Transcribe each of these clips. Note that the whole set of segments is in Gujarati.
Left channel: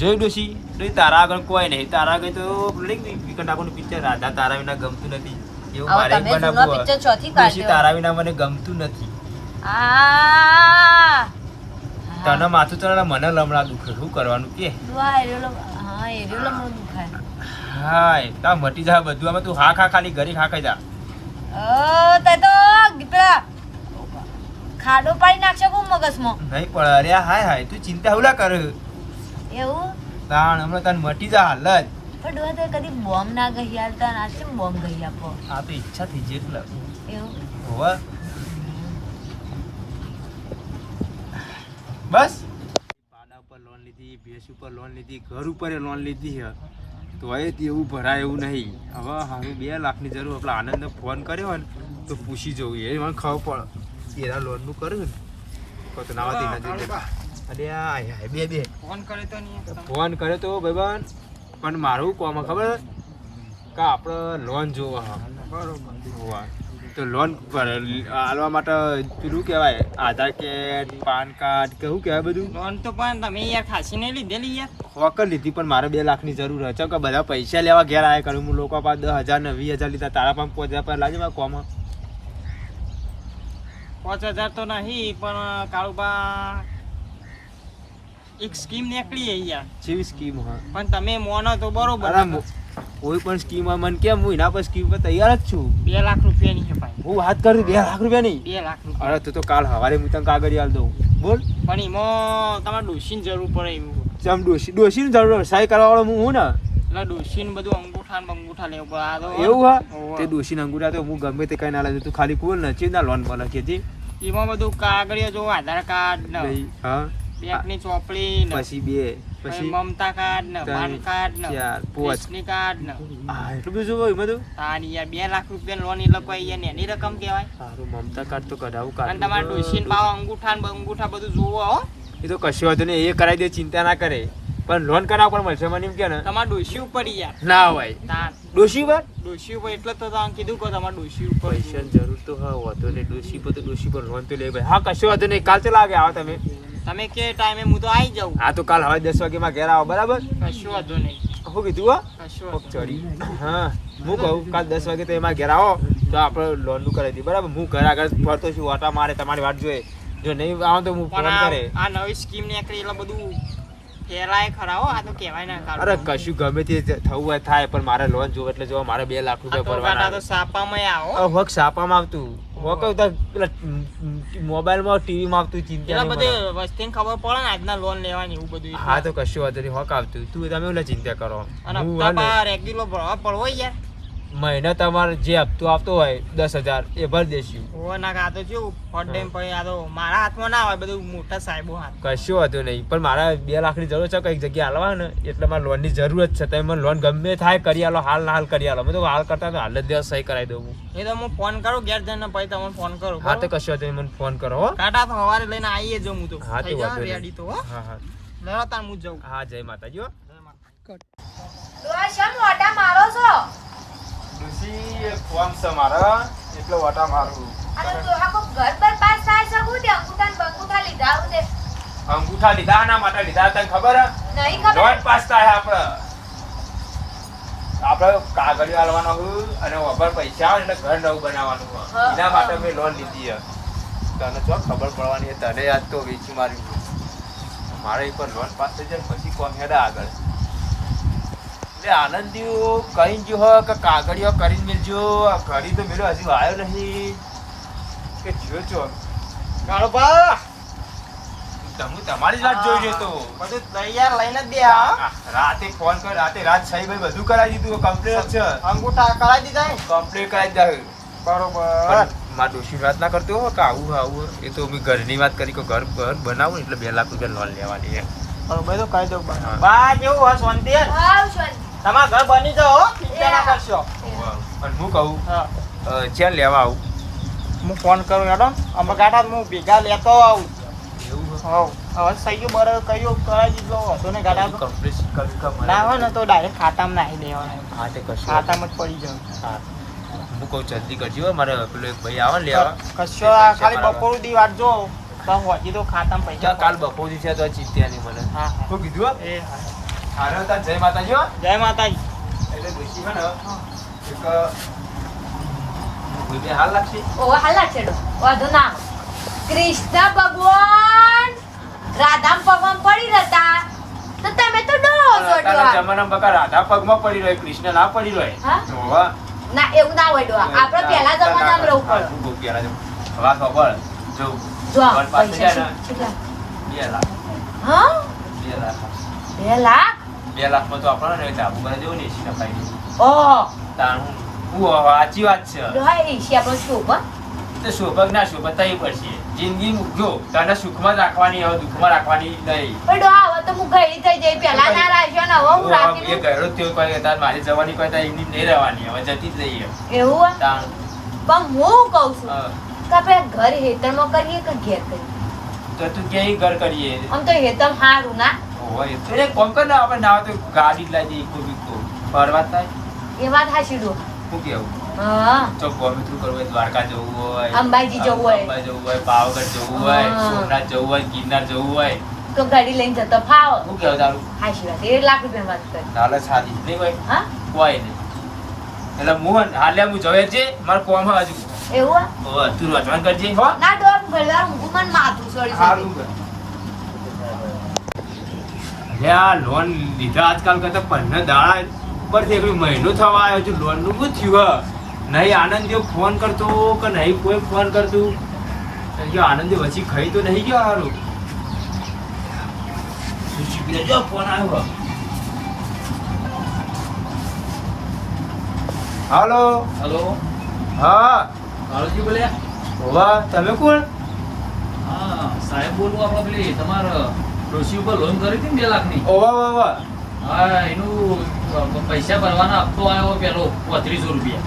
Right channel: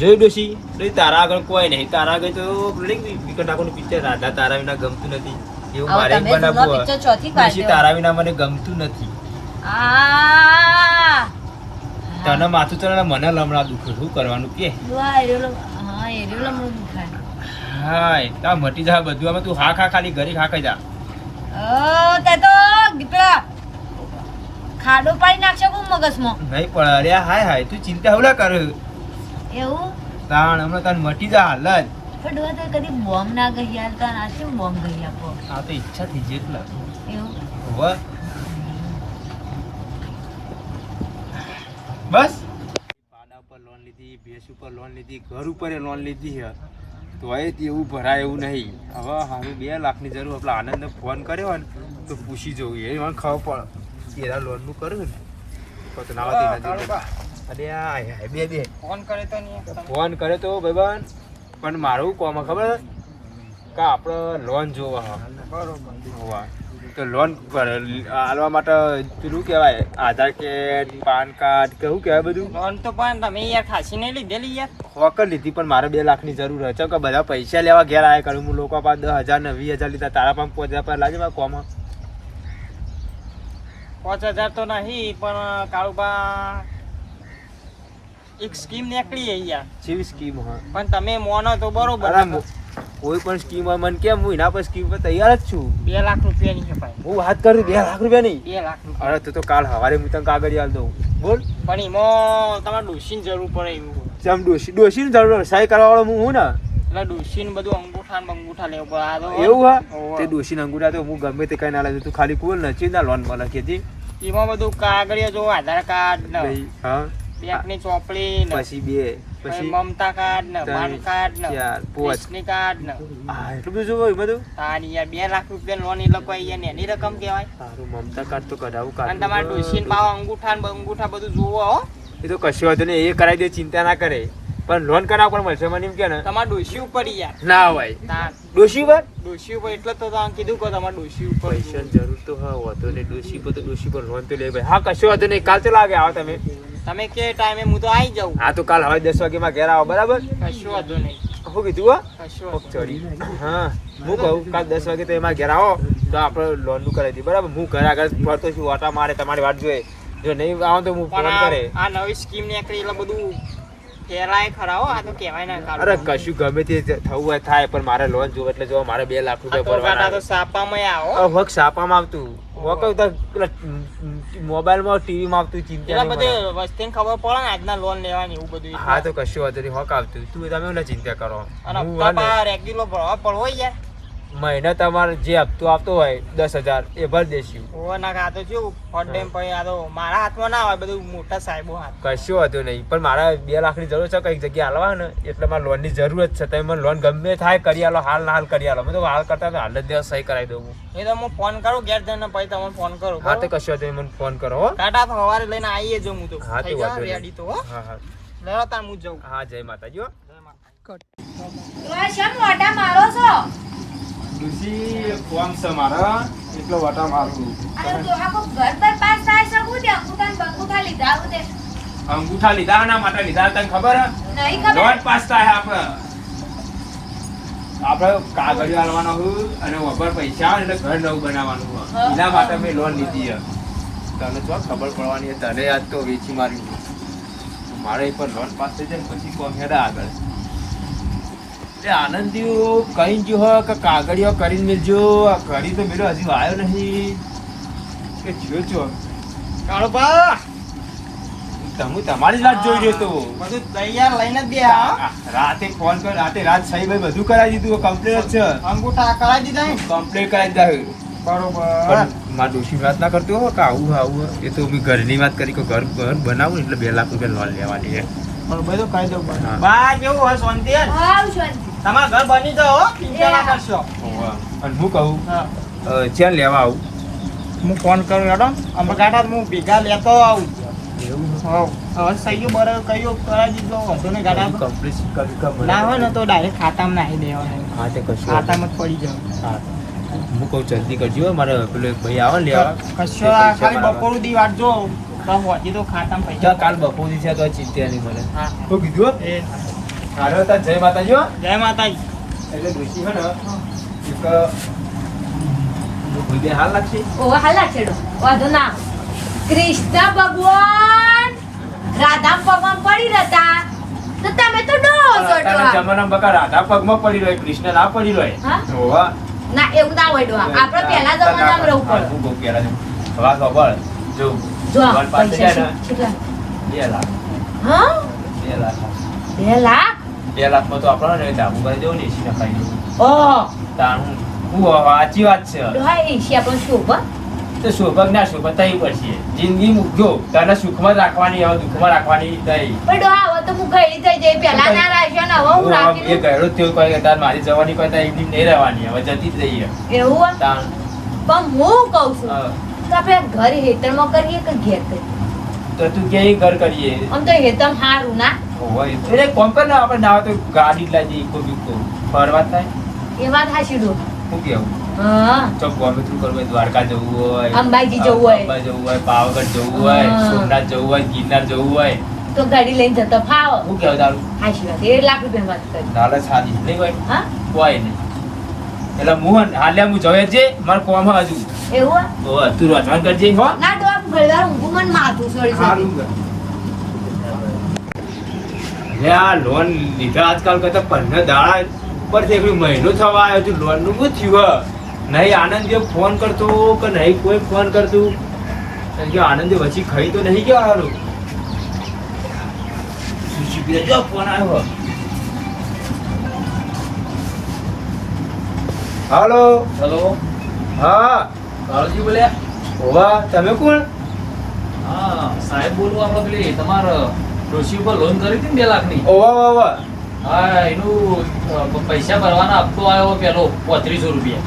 જોઈ ડોશી. ડોશી તારા આગળ કોઈ નહીં. તારા આગળ તો વિકટ ઠાકોરનું પિક્ચર રાધા તારા વિના ગમતું નથી. એવું મારે બનાવવું તારા વિના મને ગમતું નથી. તને માથું તને મને લમણા દુખે. શું કરવાનું કે? હા તા મટી જા બધું આમાં તું હા ખા ખાલી ઘરે ખા ખાઈ જા. તે તો દીકરા ખાડો પાડી નાખશે મગજમાં. નહીં પણ અરે હાય હાય તું ચિંતા હુલા કર. એવું? તાણ હમણાં તાણ મટી જા હાલ જ. પણ તો કદી બોમ્બ ના ગઈ યાર તાણ આ શું બોમ્બ ગઈ આપો આ તો ઈચ્છા થઈ જેટલા. એવું? હોવા. બસ. પાડા ઉપર લોન લીધી ભેંસ ઉપર લોન લીધી ઘર ઉપર લોન લીધી છે. તોય એવું ભરાય એવું નહીં. હવે હારું બે લાખની જરૂર. આપણે આનંદને ફોન કર્યો હોય ને તો પૂછી જવું એ મને ખબર પડે એના લોનનું કર્યું ને? તો ના. અરે બે બે. ફોન કરે તો નહીં ફોન કર્યો તો ભાઈબંધ પણ મારું કોમ ખબર? કે આપણે લોન જોવા બરોબર. તો લોન પર આલવા માટે પેલું કહેવાય? આધાર કાર્ડ પાન કાર્ડ કેવું કહેવાય બધું? લોન તો પણ તમે યાર ખાસી નહીં લીધેલી યાર. વકર લીધી પણ મારે બે લાખની જરૂર છે. કે બધા પૈસા લેવા ઘેર આવે કરું. હું લોકો પાસે દસ હજાર ને વીસ હજાર લીધા. તારા પાસે પાંચ હજાર પર લાગે મારા કોમાં? પાંચ હજાર તો નહીં પણ કાળુબા એક સ્કીમ નીકળી અહીંયા. જેવી સ્કીમ હા. પણ તમે મોનો તો બરોબર. કોઈ પણ સ્કીમ મન કેમ હું એના પર સ્કીમ પર તૈયાર જ છું. બે લાખ રૂપિયાની છે ભાઈ. હું વાત કરું બે લાખ રૂપિયા નહીં બે લાખ રૂપિયા. અરે તું તો કાલ સવારે હું તને કાગળ આલ દઉં. બોલ. પણ એમાં તમારે ડોસીની જરૂર પડે એવું. ચમ ડોસી ડોશીની જરૂર સહી કરવા વાળો હું હું ને. એટલે ડોસીને બધું અંગૂઠા ને અંગૂઠા લેવું પડે આ તો એવું હા. તે ડોશીને અંગૂઠા તો હું ગમે તે કઈ ના લાગે તું ખાલી કુલ ને ચી ના લોનમાં કે હતી એમાં બધું કાગળિયા જો આધાર કાર્ડ ને હા. બેંકની ચોપડી ને પછી બે પછી મમતા કાર્ડ ને પાન કાર્ડ ને ચાર, કાર્ડ ને આ એટલું બધું જોવું બધું તારી યાર બે લાખ રૂપિયા લોન કોઈ યાર એની રકમ કહેવાય. સારું મમતા કાર્ડ તો કઢાવું અને તમારે ડોસીને ભાવ અંગૂઠા ને અંગૂઠા બધું જોવો હો. એ તો કશું વાંધો નહીં એ કરાવી દે ચિંતા ના કરે. પણ લોન કરાવ પણ મળશે મને એમ કે ને. તમારે ડોસી ઉપર યાર. ના હોય. ડોશી ઉપર? ડોસી ઉપર એટલે તો તમે કીધું કે તમારે ડોસી ઉપર પૈસા જરૂર તો હા હોતો ને ડોશી પર તો ડોશી પર લોન તો લે ભાઈ હા કશું વાંધો નહીં કાલ તો લાગે આવો તમે. તમે કે ટાઈમે હું તો આવી જાઉં. હા તો કાલ હવે દસ વાગે માં ઘેર આવો બરાબર? કશું વાંધો નહીં. શું કીધું હો? ચડી. હા. હું કહું કાલ દસ વાગે તો એમાં ઘેર આવો તો આપણે લોનનું કરાવી દઈએ બરાબર? હું ઘર આગળ ફરતો છું ઓટા મારે તમારી વાત જોઈએ. જો નહીં આવો તો હું ફોન કરે આ- આ નવી સ્કીમ નીકળી એટલે બધું ફેલાય ખરા આ તો કહેવાય ના કાઢો. અરે કશું ગમે તે થવું હોય થાય પણ મારે લોન જોવે એટલે જો મારે બે લાખ રૂપિયા તો તો સાપામાં આવો. હવે સાપામાં આવતું. હોક તો મોબાઈલમાં ટીવીમાં આવતું ચિંતા એટલે બધે વસ્તીને ખબર પડે ને આજના લોન લેવાની એવું બધું હા તો કશું વાંધો નહીં હોક આવતું. તું તમે ચિંતા કરો. અને રેગ્યુલર ભરવા પડવો યાર. મહિને તમારે જે હપ્તો આપતો હોય દસ હજાર એ ભરી દેશું. ઓ ના આ તો શું ફોટ ટાઈમ પછી આ તો મારા હાથમાં ના હોય બધું મોટા સાહેબો હાથ કશું હતું નહીં પણ મારે બે લાખની જરૂર છે કંઈક જગ્યા હાલવા ને એટલે મારે લોનની જરૂરત છે. તમે મને લોન ગમે થાય કરી આલો હાલ ના હાલ કરી આલો. મેં તો હાલ કરતા તો હાલ જ દિવસ સહી કરાવી દઉં હું. એ તો હું ફોન કરું ઘેર જઈને પછી તમને ફોન કરું હા તો? કશું હતું મને ફોન કરો હો. ટાટા તો સવારે લઈને આવીએ જો હું તો હા તો. રેડી હા. હા લેવા તાર હું જઉં. હા જય માતાજી હો. તો આ શેમ મોઢા મારો છો? તુલસી ફોર્મ છે મારા એટલો વટા મારું અને ડોહા કો ઘર પર પાસ થાય શકું તે અંગૂઠા ને બંગૂઠા લીધા આવું તે. અંગૂઠા લીધા ના માટે લીધા તને ખબર? નહીં ખબર. પાસ થાય આપણે. આપણે કાગળ આલવાનો હું અને વગર પૈસા આવે એટલે ઘર નવું બનાવવાનું. એના માટે મેં લોન લીધી તને તો ખબર પડવાની તને આજ તો વેચી મારી મારે પણ પર લોન પાસ થઈ જાય ને પછી કોમ હેડા આગળ? આનંદીઓ કઈ ગયો હો કે કાગળિયો કરીને મેલજો. કરી તો મેલો હજી આવ્યો નહીં. કે જ્યો છો? તમે તમારી જોઈ રહ્યો તો. બધું તૈયાર લઈને જ બે રાતે ફોન કર રાતે રાત છઈ ભાઈ બધું કરાવી દીધું કમ્પ્લેટ છે. અંગૂઠા કરાવી દીધા કમ્પ્લેટ કરાવી દીધા બરોબર. મારા ડોશી વાત ના કરતો કે આવું આવું એ તો મેં ઘરની વાત કરી કે ઘર ઘર બનાવું ને એટલે બે લાખ રૂપિયા લોન લેવાની છે બરોબર તો કહી દઉં બા. કેવું હોય શાંતિ? હા શાંતિ. તમારા ઘર બની જાઓ હો, ચિંતા ના કરશો. અને હું કહું ચેન જ્યાં લેવા આવું? હું ફોન કરું હેડો. અમે ગાડા હું ભેગા લેતો આવું. એવું હવે સહીઓ બરાબર કયું કરાવી દીધો હતો ને ગાડા કમ્પ્લીટ કમ કમ ના હોય ને તો ડાયરેક્ટ ખાતામાં નાખી દેવાનું. હા તે કશું ખાતામાં જ પડી જાવ હા. હું કહું જલ્દી કરજો મારે પેલો એક ભાઈ આવે લેવા. કશો ખાલી બપોર દી વાટજો તો ખાતામાં પૈસા કાલ બપોર છે તો ચિંતા નહીં મને. તો શું કીધું હો? એ. તાર જય માતાજી હો. જય માતાજી. એટલે ડોશી હો ને. એક ભગે હાલ લાગશે ઓ હાલ લાગશે ડો વાંધો ના કૃષ્ણ ભગવાન! રાધા પગમાં પડી રહેતા. તો તમે તો ડો અત્યારના જોડો જમાનામાં બકા રાધા પગમાં પડી રહ્યો કૃષ્ણ ના પડી રહ્યો. હા? ના એવું ના હોય ડો આપણે પહેલા જમાનામાં રહેવું પડે હું બહુ પહેલા જમાનામાં. વાત સાંભળ. જો જો પાસે જાય છે. કેટલા? ને બે લાખ. હા? બે લાખ. બે લાખ? બે લાખમાં તો આપણે ને કરી દેવું ને એસી નખાઈ ઓહ તાણ હું હું સાચી વાત છે. ડોહા એશિયા પણ શુભ હો. તો શોભક ના શોભક થઈ પડશે. જિંદગી જો તને સુખમાં રાખવાની હવે દુઃખમાં રાખવાની નહીં. પણ હવે તો હું ગયડી થઈ જઈ પહેલા ના રાખ્યો ને હવે હું હું રાખી એ ગયડો જ કોઈ કે તાર મારી જવાની કોઈ તાર એમની નહીં રહેવાની હવે જતી જ રહીએ. એવું? તાણ પણ હું કહું છું. કે આપણે ઘર હેતરમાં કરીએ કે ઘેર કરીએ? તો તું ક્યાંય ઘર કરીએ? આમ તો હેતમ સારું ના? હોય. એટલે કોમ કર ને આપણે ના તો ગાડી જ લાવી ઇકો બીકો. ફરવા થાય? એ વાત હાચી ડો. શું કેવું? હા. ચોક ગમે તેટલું કરવું હોય દ્વારકા જવું હોય અંબાજી જવું હોય. અંબા જવું હોય પાવાગઢ જવું હોય સોમનાથ જવું હોય ગિરનાર જવું હોય. તો ગાડી લઈને જતો ફાવ. શું કેવું તારું? હાચી વાત. એ લાખ રૂપિયા વાત કરી. લાલચ સારી નહીં હા? કોઈ નહીં. એટલે હું હાલ્યા હું જવે છે મારે કોમ હજુ. એવું ઓ તું રોજવાન કરજે હો. ના ડો ભલા ઊંઘું મને માથું સળી સળી લે આ લોન લીધા આજકાલ કરતા પંદર દાડા પર એક મહિનો થવા આવ્યો છું લોનનું શું થયું? નહીં આનંદ જો ફોન કરતો કે નહીં કોઈ ફોન કરતું? કે આનંદ વચ્ચે ખાઈ તો નહીં ગયો હારું. જો ફોન આવ્યો. હાલો. હેલો. હા. કાળજી બોલ્યા હોવા. તમે કોણ? હા સાહેબ બોલવા પેલી તમારે. ડોશી ઉપર લોન કરી હતી બે લાખની? ઓવા ઓવા હા એનું પૈસા ભરવાના હપ્તો આવ્યો પેલો પોત્રીસો રૂપિયા.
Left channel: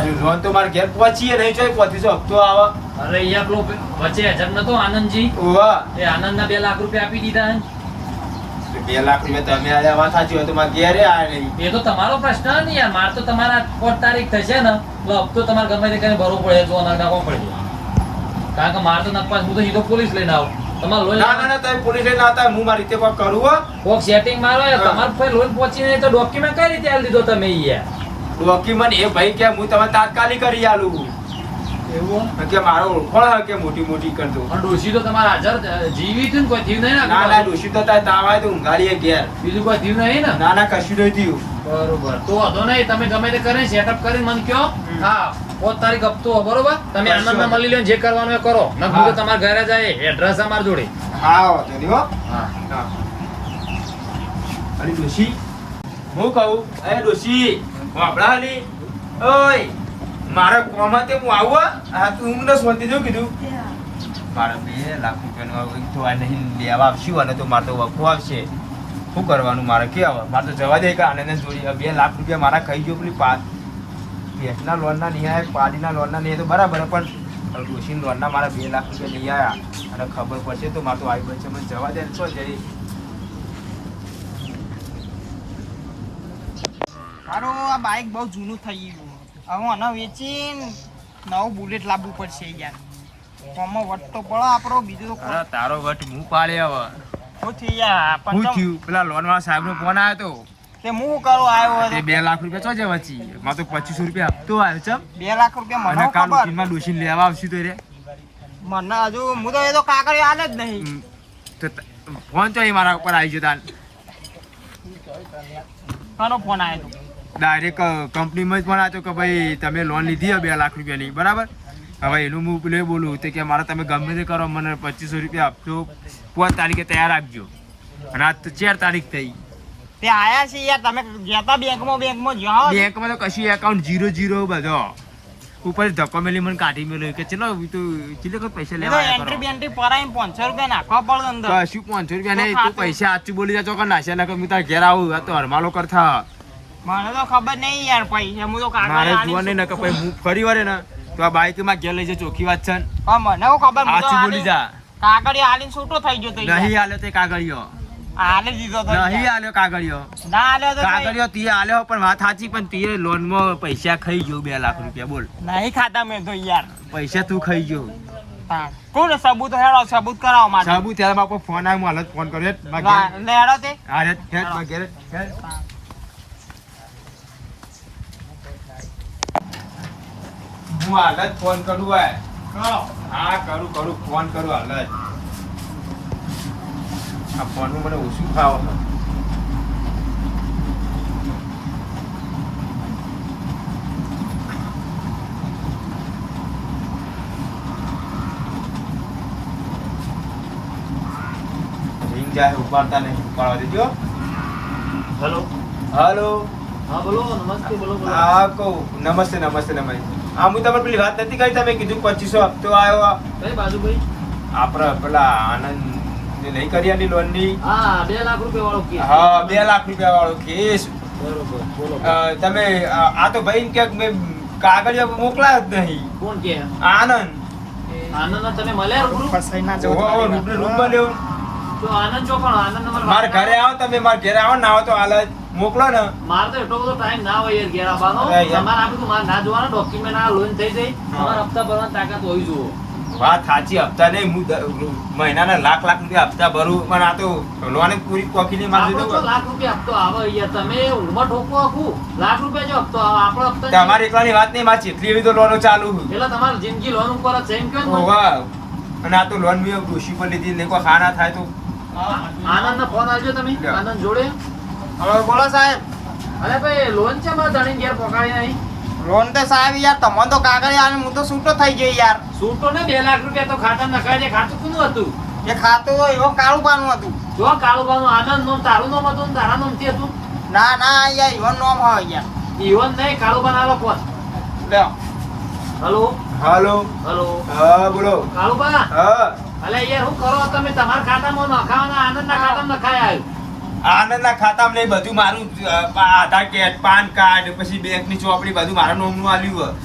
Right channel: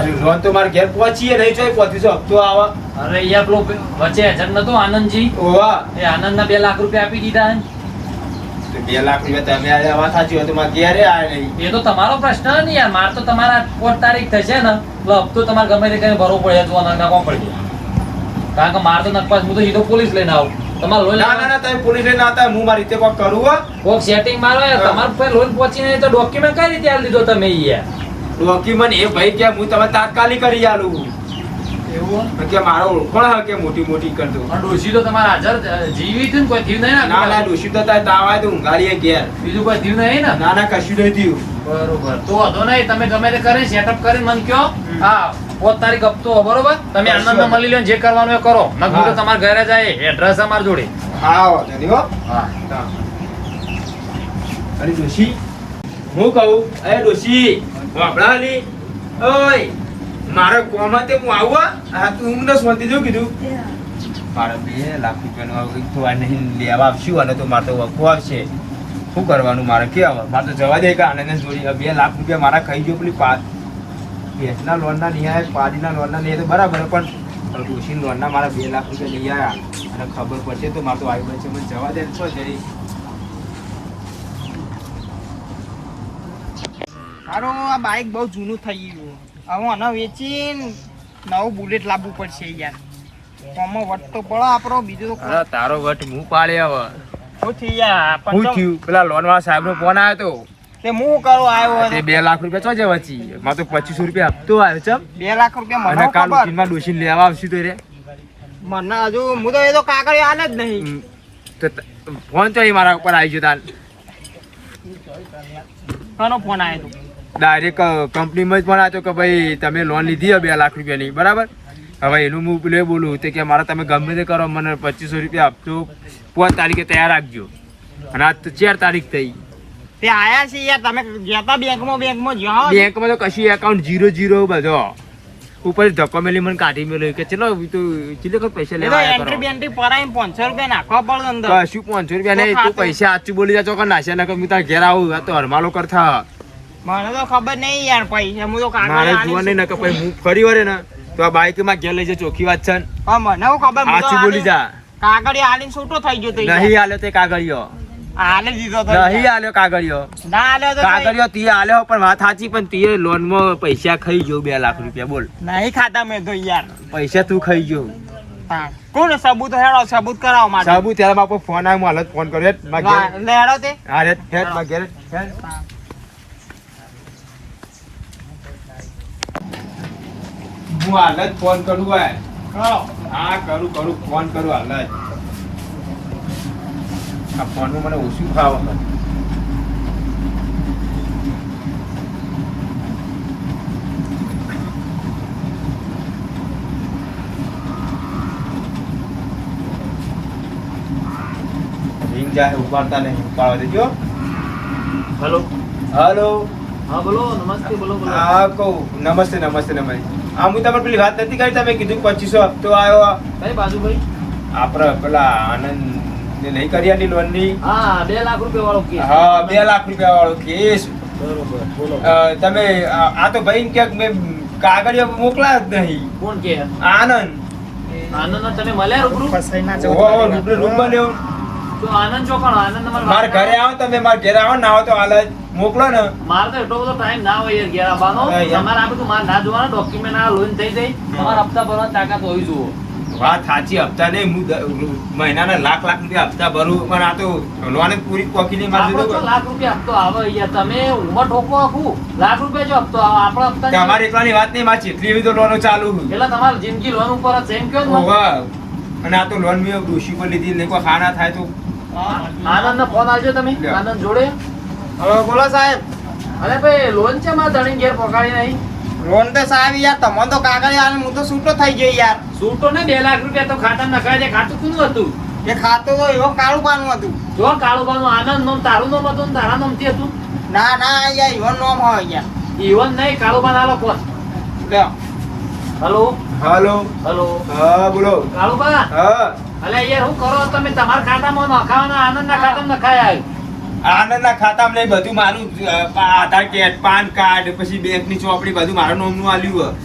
અરે લોન તો મારે ઘેર પહોંચીએ નહીં પહોંચીસો હપ્તો આવે. અરે અહીંયા પેલો વચ્ચે નતો આનંદજી? ઓવા એ આનંદના બે લાખ રૂપિયા આપી દીધા બે લાખ રૂપિયા તમે આ વાત સાચી હોય તો મારે ક્યારે આવે નહીં. એ તો તમારો પ્રશ્ન ને યાર મારે તો તમારા તારીખ થશે ને તો હપ્તો તમારે ગમે તે કરીને ભરવો પડે તો અમારે નાખવો પડશે. કારણ કે મારે તો નકપાસ હું તો સીધો પોલીસ લઈને આવું. તમારે લોન ના ના ના તમે પોલીસ લઈને આવતા હું મારી રીતે કોક કરું કોક સેટિંગ મારો. તમારે લોન પહોંચી નહીં તો ડોક્યુમેન્ટ કઈ રીતે લીધો તમે યાર? ડોક્યુમેન્ટ એ ભાઈ કે હું તમે તાત્કાલિક કરી આલું. કે મારો ઓળખણ હે કે મોટી મોટી કરતો ડોશી તો તમારા હાજર જીવી હતું કોઈ થયું નહીં ના ના ડોશી તો તારે તાવ આવે તો ઊંઘાડીએ ઘેર. બીજું કોઈ થયું નહીં ને? ના ના કશું નહીં થયું. બરોબર. તો વાંધો નહીં તમે ગમે તે કરી સેટઅપ કરી મને કયો હા. પોત તારીખ હપ્તો બરોબર? તમે આનંદ મળી લો જે કરવાનું એ કરો. નકર તમારા ઘરે જાય એડ્રેસ અમાર જોડે. હા વાંધો હો. અરે ડોશી હું કહું? અરે ડોશી વાપડા ઓય મારા કોમાં તે હું આવું આ તું ઊંઘ ને શાંતિ જો કીધું. મારે બે લાખ રૂપિયાનું તો આ નહીં લેવા આવશું અને તો મારે તો વખો આવશે. શું કરવાનું? મારે કે મારે તો જવા દે કે આનંદ જોડી. બે લાખ રૂપિયા મારા ખાઈ ગયો પેલી પાંચ ભેંસના લોનના નહીં આવ્યા પાડીના લોનના નહીં તો બરાબર પણ પણ લોનના મારા બે લાખ રૂપિયા નહીં આવ્યા. અને ખબર પડશે તો મારે આવી બનશે મને જવા દે છો જરી મારું આ બાઇક બહુ જૂનું થઈ ગયું. હવે આને વેચીને નવું બુલેટ લાવવું પડશે યાર. કોમાં વટ તો પડો આપણો બીજું અરે તારો વટ હું પાડે હવે. શું થઈ યાર? શું થયું? પેલા લોન વાળા સાહેબ નો ફોન આવ્યો તે હું કરો આવ્યો તે બે લાખ રૂપિયા ચો છે વચ્ચી? મારે તો રૂપિયા હપ્તો આવ્યો છે બે લાખ રૂપિયા મને કાલ ઉઠીમાં લેવા આવશું તો રે. મને હજુ હું તો એ તો કાગળ હાલ જ નહીં. તો ફોન તો એ મારા ઉપર આવી ગયો તાન કોનો ફોન આવ્યો ડાયરેક્ટ કંપનીમાં જ પણ આવ્યો કે ભાઈ તમે લોન લીધી હે બે લાખ રૂપિયાની. બરાબર? હવે એનું હું પેલું બોલું તે કે મારે તમે ગમે તે કરો મને પચીસો રૂપિયા આપતો પાંચ તારીખે તૈયાર રાખજો. અને આ ચાર તારીખ થઈ. તે આયા છે યાર તમે ગયા બેંકમાં બેંકમાં જાઓ. બેંકમાં તો કશું એકાઉન્ટ જીરો જીરો બધો. ઉપર ધક્કો મેલી મને કાઢી મેલ્યો કે ચલો તું ચીલે કોઈ પૈસા લેવા આયા એન્ટ્રી બેન્ટ્રી પરાઈને પાંચસો રૂપિયા નાખવા પડે અંદર. કશું પાંચસો રૂપિયા નહીં તું પૈસા આચું બોલી જા ચોકર નાખ્યા ના હું તાર ઘેર આવું આ તો હરમાલો કરતા મને તો ખબર નહીં યાર પૈસા હું તો મારે જોવા નહીં ને કે પછી હું ફરી વરે ને તો આ બાઈકમાં ઘેર લઈ જાય ચોખ્ખી વાત છે હા, મને ખબર આચું બોલી જા. કાગળિયો હાલીને છૂટો થઈ ગયો તો. નહીં આલ્યો તે કાગળિયો. હાલી દીધો તો નહીં આલ્યો કાગળિયો. ના આલ્યો તો કાગળિયો તીએ આલ્યો પણ વાત સાચી પણ તીએ લોનમાં પૈસા ખાઈ ગયો બે લાખ રૂપિયા બોલ. નહીં ખાતા મેં તો યાર. પૈસા તું ખાઈ ગયો. કોણ સબૂત હેડો સબૂત કરાવો માટે સબૂત ત્યારે બાપો ફોન આવ્યો હું હાલત ફોન કર્યો. હેડ. લે હેડો તે. હા હેડ, હેડ, માં ઘેર, હું હાલત ફોન કરું હોય હા કરું કરું. ફોન કરું હાલ જ. આ મને ઓછું ભાવ છે. રિંગ જાય ઉપાડતા નહીં ઉપાડવા દેજો. હલો. હાલો. હા કહું. નમસ્તે નમસ્તે નમસ્તે. હા હું તમને પેલી વાત નથી કરી તમે કીધું પચીસો હપ્તો આવ્યો. આપણે પેલા આનંદ ને નહીં કરી આની લોનની હા બે લાખ રૂપિયા વાળો કેસ. હા બે લાખ રૂપિયા વાળો કેસ. બરોબર બોલો. અ, તમે આ તો ભાઈ ક્યાંક મેં કાગળિયા મોકલા જ નહીં. કોણ કે? આનંદ. મારા ઘરે આવો તમે મારા ઘરે આવો ને આવો તો હાલ મોકલો ને. મારે તો એટલો બધો ટાઈમ ના હોય યાર ઘેર આવવાનો. તમારે આ બધું મારે ના જોવાનું ડોક્યુમેન્ટ આ લોન થઈ જાય. તમારે હપ્તા ભરવાની તાકાત હોવી જોઈએ. વાત સાચી હપ્તા નહીં હું મહિનાના લાખ લાખ રૂપિયા હપ્તા ભરું પણ આ તો લોન પૂરી પૂરી નહીં મારી દીધો લાખ રૂપિયા હપ્તો આવે અહીંયા તમે ઉંમર ઠોકો આખું. લાખ રૂપિયા જો હપ્તો આવે આપણો હપ્તા. તમારી એકલાની વાત નહીં મારી ચેટલી એવી તો લોનો ચાલુ એટલે તમારી જિંદગી લોન ઉપર જ એમ કહો અને આ તો લોન મેં ડોશી પર લીધી ને કોઈ ખાના થાય તો. આનંદ ફોન આવજો તમે? આનંદ જોડે? હવે બોલો સાહેબ. અરે ભાઈ લોન છે મારા ધણી ઘેર પગાડી નહીં. લોન તો સાહેબ યાર તમને તો કાગળ આવે હું તો છૂટો થઈ ગયો યાર. સૂટો ને બે લાખ રૂપિયા તો ખાતા નખાય છે. ખાતું કોનું હતું? જે ખાતું હોય એવો કાળું પાનું હતું. જો કાળુબાનું આનંદ નોમ તારું નોમ હતું ને તારા નોમથી હતું? ના ના યાર ઈવન નોમ હોય યાર. ઈવન નહીં કાળુબાન આલો કોણ? લ્યો હલો? હલો. હલો? હા બોલો. કાળુબા? હા. અલે એ હું કરો તમે? તમારા ખાતામાં નખાવાના આનંદના ખાતામાં નખાય આવ્યું આનંદના ખાતામાં નહીં બધું મારું આધાર કાર્ડ પાન કાર્ડ પછી બેંકની ચોપડી બધું મારા નામનું આલ્યું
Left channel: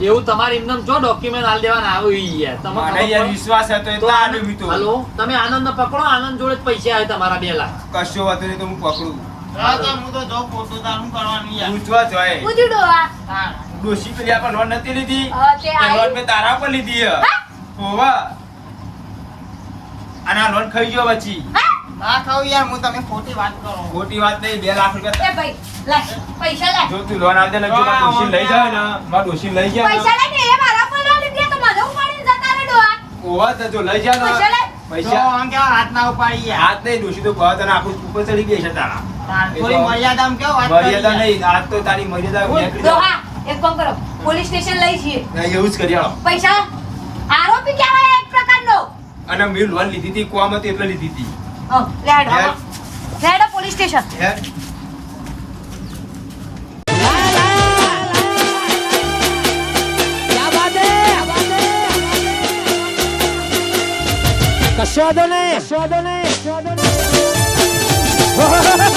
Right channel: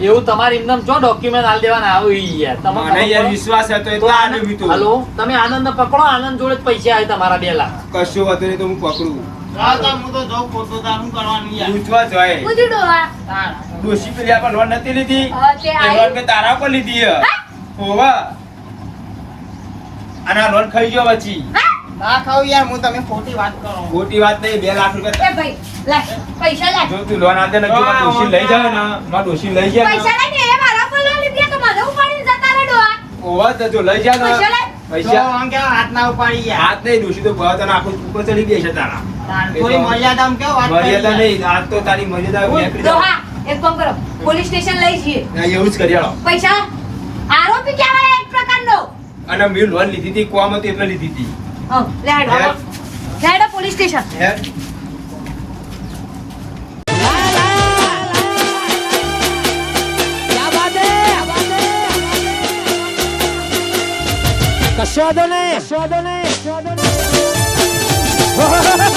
એવું તમારે એમને જો ડોક્યુમેન્ટ આલ દેવાના આવું ઈ યાર તમારે મને યાર વિશ્વાસ હતો એટલે આલ્યું મીતો હલો તમે આનંદ પકડો આનંદ જોડે પૈસા આવે તમારા બે લાખ. કશો હતો નહીં તો હું પકડું. હા તો હું તો જો ખોટું તાર હું કરવાનું યાર. પૂછવા જોઈએ પૂછી હા. ડોશી પેલી આપણ લોન નથી લીધી? હા, તે એ લોન મેં તારા પર લીધી હોવા હોવે. અને આ લોન ખાઈ ગયો પછી. ના ખાવ યાર હું તમે ખોટી વાત કરો. ખોટી વાત નહીં બે લાખ એ ભાઈ લે પૈસા લે. જો તું લોન આદે ને મારા ડોશી લઈ જાય ને મારા ડોશી લઈ જાય પૈસા ને ને એ મારા પર લોન લીધી તો મને ઉપાડીને જતા રે ડોહા. હોવે તો જો લઈ જાય પૈસા લે. ને તો આમ કેવા હાથ ના ઉપાડી યાર હાથ નહીં ડોશી તો ભાવ તને આખું ઉપર ચડી ગઈ છે તારા. થોડી મર્યાદામાં કેવો વાત મર્યાદા નહીં આજ તો તારી મર્યાદા ડોહા એક કામ કરો પોલીસ સ્ટેશન લઈ જઈએ. ના, એવું જ કરી હાલો. પૈસા? આરોપી કહેવાય એક પ્રકારનો. અને મેં લોન લીધી હતી કોમ હતી એટલે લીધી હતી. હો, લે હેડો યાર. લે હેડો પોલીસ સ્ટેશન. કશો વાંધો નહીં. કશો વાંધો નહીં.